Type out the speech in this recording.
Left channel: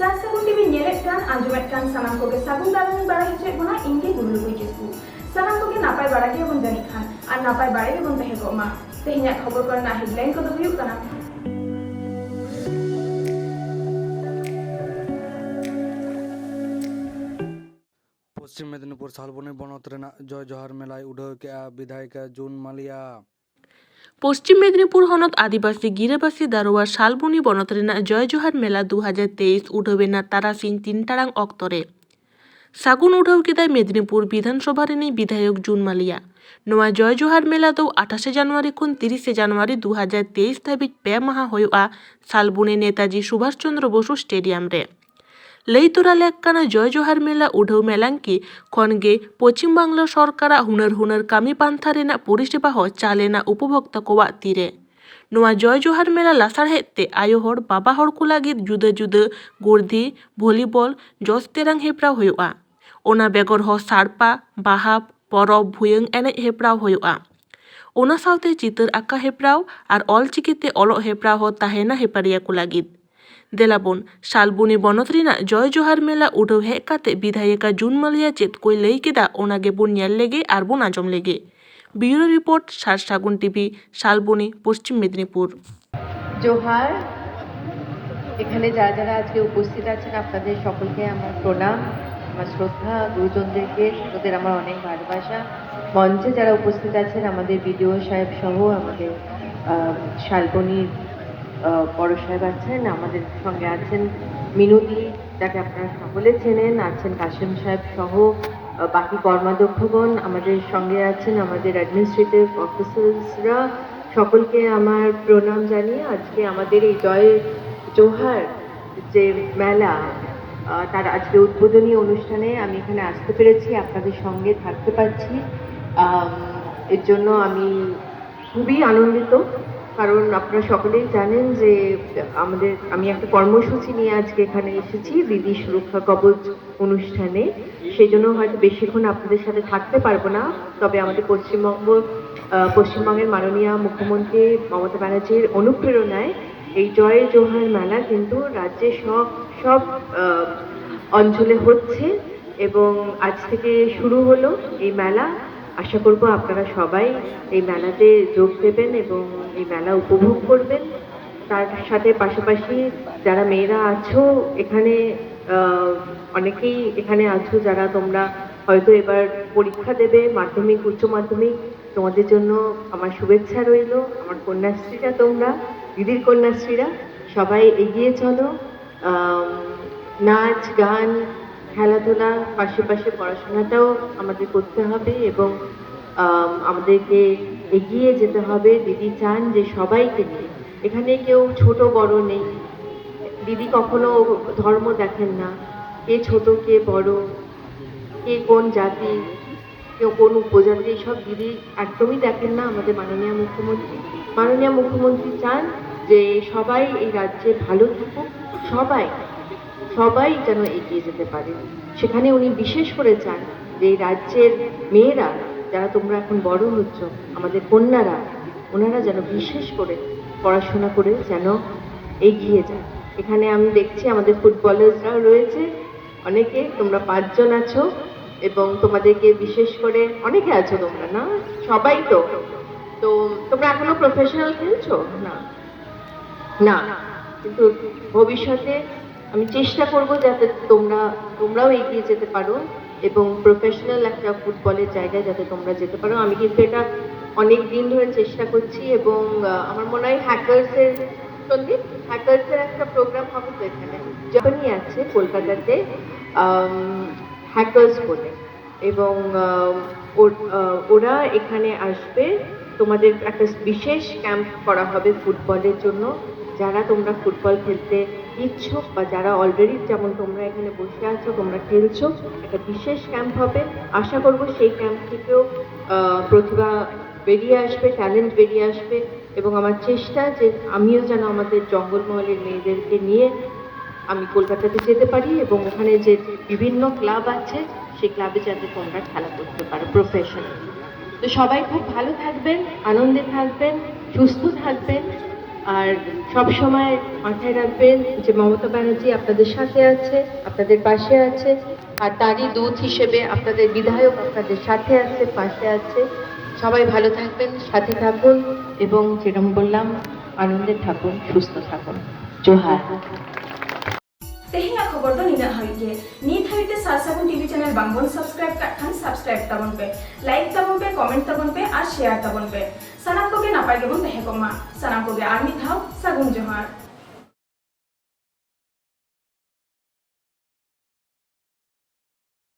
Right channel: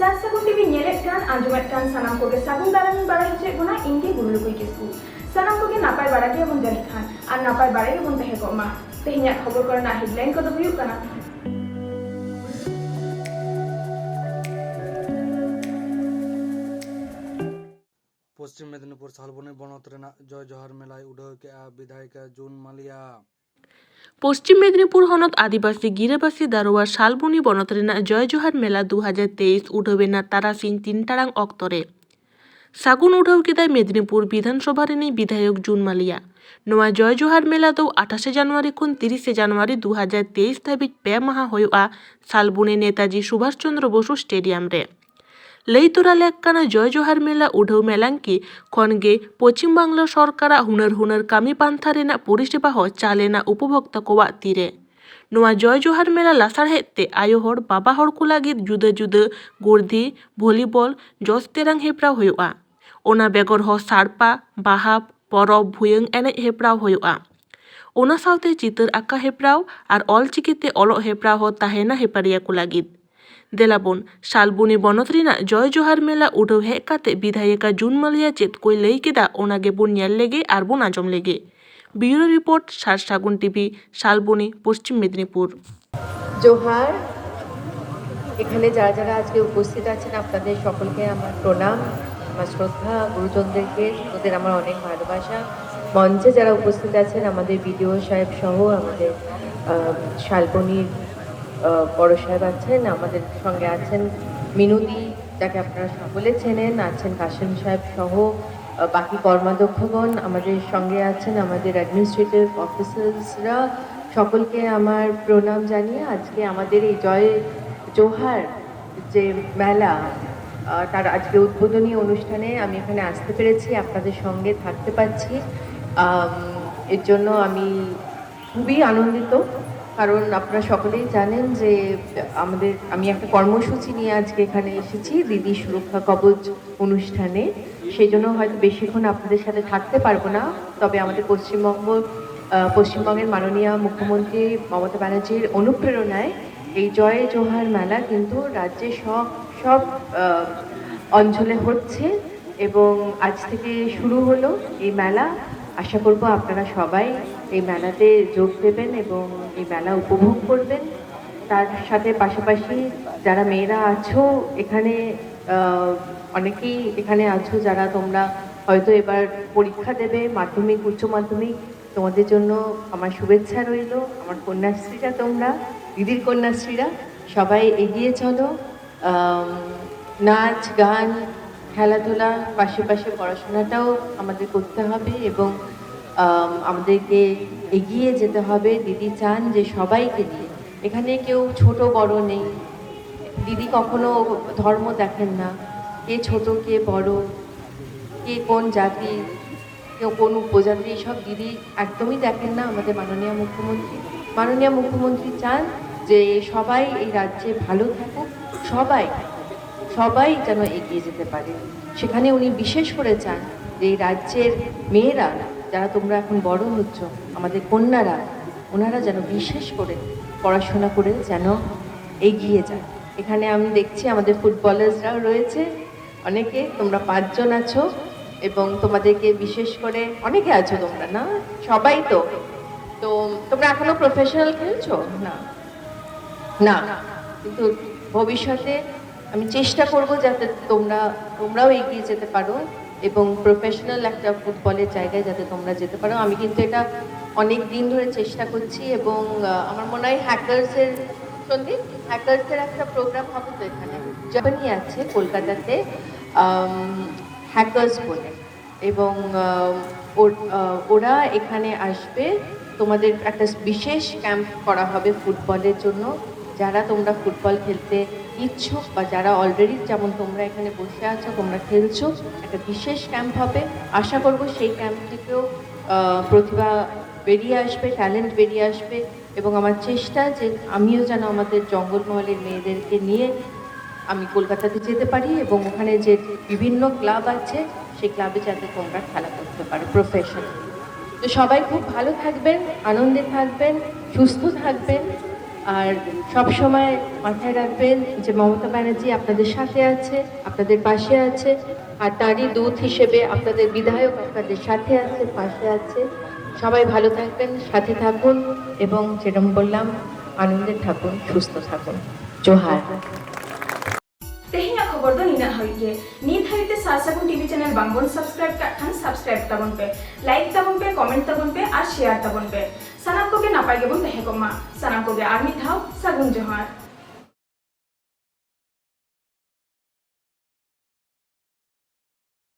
Sar Sagun TV nyelek kan anjumet kan sanam koge sagun dalam bara hicek guna inge BURULUKUI KISKU sanam koge napai bara ge bon jani khan ar napai bara ge bon tahe ko ma tehinya khobor korna headline ko do huyuk kana পশ্চিম মেদিনীপুর শালবনী বনতরেনা জয় জোহার মেলায় উডাও কেয়া বিধায়িকা June Malia পশ্চিম মেদিনীপুর হনত আদিবাসী গিরাবাসী দারোয়া শালবনী বনতরেনা জয় জোহার মেলা 2023 উঠবেনা তারাসিং 3 টারাং অক্তরে সাগুন উঠাও কেদায় মেদিনীপুর বিধানসভা rainy বিধায়ক June Malia নোয়া জয় জোহার মেলা দো 28 জানুয়ারি খুন 30 জানুয়ারি 2023 ধাবিজ 2 মাহা হয়ুआ শালবনী নেতাজি সুভাষচন্দ্র বসু স্টেডিয়াম রে লইতরা লেককানা জয় জোহার মেলা উঠাও মেলাঙ্কি খনগে পশ্চিম বাংলা সরকারা হুনার কামি পান্থা রেনা পরিষেবা হ চালেনা উপভোক্তা কোয়া তীরে নোয়া জয় জোহার মেলা লাসার হেতে আয়ো হর বাবা হর কো লাগি জুদা জুদা গোর্ধি ভলিবল জস্তেরাং হেপ্রাও হয়ুआ ওনা বেগর হ সারপা বাহাব পরব ভুয়ং এনে হেপ্রাও হয়ুआ ওনা সাউতে চিতর আঁকা হেপ্রাও আর অলচিকিতে অলক হেপ্রাও হ তাহেনা হেপারিয়া কো লাগি দেলাবন শালবনী বনতরিনা জয় জোহার মেলা উঠো হেক কাতে বিধায়িকা জুন মালিয়া চেত কই লই কেদা ওনাগে বোন ᱧᱮᱞ লেগে আর বোন আজম লেগে ব্যুরো রিপোর্ট সার সাগুন টিভি শালবনী পশ্চিম মেদিনীপুর। জোহার এখানে যারা যারা আজকে উপস্থিত আছেন আপনাদের সকলকে আমার প্রণাম, আমার শ্রদ্ধা, গুরুজনদেরকে ওদের আমার অনেক ভালোবাসা। মঞ্চে যারা উপস্থিত আছেন আমাদের বিডিও সাহেব সহ আমাদের শালবনীর বড় সাহেব আছেন, আমাদের সঙ্গে আছেন মিনুদি যাকে আপনারা সকলে চেনেন, আছেন কাশিম সাহেব সহ বাকি কর্মাধ্যক্ষগণ আমাদের সঙ্গে আছেন, আমাদের অ্যাডমিনিস্ট্রেটিভ অফিসার্সরা, সকলকে আমার প্রণাম জানিয়ে আজকে আমাদের এই জয় জোহার যে মেলা তার আজকে উদ্বোধনী অনুষ্ঠানে আমি এখানে আসতে পেরেছি, আপনাদের সঙ্গে থাকতে পারছি। এর জন্য আমি খুবই আনন্দিত, কারণ আপনারা সকলেই জানেন যে আমি একটা কর্মসূচি নিয়ে আজকে এখানে এসেছি দিদি সুরক্ষা কবচ অনুষ্ঠানে। সেই জন্য হয়তো বেশিক্ষণ আপনাদের সাথে থাকতে পারবো না, তবে আমাদের পশ্চিমবঙ্গের মাননীয় মুখ্যমন্ত্রী মমতা ব্যানার্জির অনুপ্রেরণায় এই জয় জোহার মেলা কিন্তু রাজ্যে সব অঞ্চলে হচ্ছে এবং আজ থেকে শুরু হলো এই মেলা। আশা করব আপনারা সবাই এই মেলাতে যোগ দেবেন এবং এই মেলা উপভোগ করবেন। তার সাথে পাশাপাশি যারা মেয়েরা আছো এখানে, অনেকেই এখানে আছো যারা তোমরা হয়তো এবার পরীক্ষা দেবে, মাধ্যমিক উচ্চ মাধ্যমিক, তোমাদের জন্য আমার শুভেচ্ছা রইল। আমার কন্যাশ্রীরা, তোমরা দিদির কন্যাশ্রীরা সবাই এগিয়ে চলো। নাচ গান খেলাধুলা পাশাপাশি পড়াশোনাটাও আমাদের করতে হবে এবং আমাদেরকে এগিয়ে যেতে হবে। দিদি চান যে সবাইকে নিয়ে, এখানে কেউ ছোট বড় নেই, দিদি কখনো ধর্ম দেখেন না, কে ছোট কে বড়, কে কোন জাতি, কেউ কোন উপজাতি, সব দিদি একদমই দেখেন না। আমাদের মাননীয় মুখ্যমন্ত্রী চান যে সবাই এই রাজ্যে ভালো থাকুক, সবাই যেন এগিয়ে যেতে পারে। সেখানে উনি বিশেষ করে চান যে এই রাজ্যের মেয়েরা যারা তোমরা এখন বড় হচ্ছ, আমাদের কন্যারা, ওনারা যেন বিশেষ করে পড়াশোনা করে যেন এগিয়ে যায়। এখানে আমি দেখছি আমাদের ফুটবলার্সরাও রয়েছে অনেকে, তোমরা 5 জন আছো এবং তোমাদেরকে বিশেষ করে অনেকে আছো তোমরা, না সবাই তো তোমরা এখনো প্রফেশনাল খেলছো না, কিন্তু ভবিষ্যতে আমি চেষ্টা করব যাতে তোমরাও এগিয়ে যেতে পারো এবং প্রফেশনাল একটা ফুটবলের জায়গায় যাতে তোমরা যেতে পারো। আমি কিন্তু এটা অনেক দিন ধরে চেষ্টা করছি এবং আমার মনে হয় হ্যাকার্সের একটা প্রোগ্রাম হবে তো এখানে জাপানি আছে কলকাতাতে হ্যাকার্স বলে, এবং ওরা এখানে আসবে, তোমাদের একটা বিশেষ ক্যাম্প করা হবে ফুটবলের জন্য। যারা তোমরা ফুটবল খেলতে ইচ্ছুক বা যারা অলরেডি যেমন তোমরা এখানে বসে আছো তোমরা খেলছো, একটা বিশেষ ক্যাম্প হবে। আশা করব সেই ক্যাম্প থেকেও প্রতিভা বেরিয়ে আসবে, ট্যালেন্ট বেরিয়ে আসবে এবং আমার চেষ্টা যে আমিও যেন আমাদের জঙ্গলমহলের মেয়েদেরকে নিয়ে আমি কলকাতাতে যেতে পারি এবং ওখানে যে বিভিন্ন ক্লাব আছে সেই ক্লাবে যাতে তোমরা খেলা করতে পারো প্রফেশনাল। তো সবাই খুব ভালো থাকবেন, আনন্দে থাকবেন, সুস্থ থাকবেন। আর সব সময় মাথায় রাখবেন যে মমতা ব্যানার্জি আপনাদের সাথে আছে, আপনাদের পাশে আছে, আর তারই দূত হিসেবে আপনাদের বিধায়ক আপনাদের সাথে আছে, পাশে আছে। সবাই ভালো থাকবেন, সাথে থাকুন এবং যেরকম বললাম আনন্দে থাকুন, সুস্থ থাকুন। জোহার। तेहेना खबर दो निना हइगे नीत हइते सार सागुन टीवी चैनल बांगबन सब्सक्राइब का खान सब्सक्राइब ताबन पे लाइक ताबन पे कमेंट ताबन पे और शेयर ताबन पे सनाम को के नापाय गेबन तहे को मा सनाम को के आर मित धाव सागुन जोहार।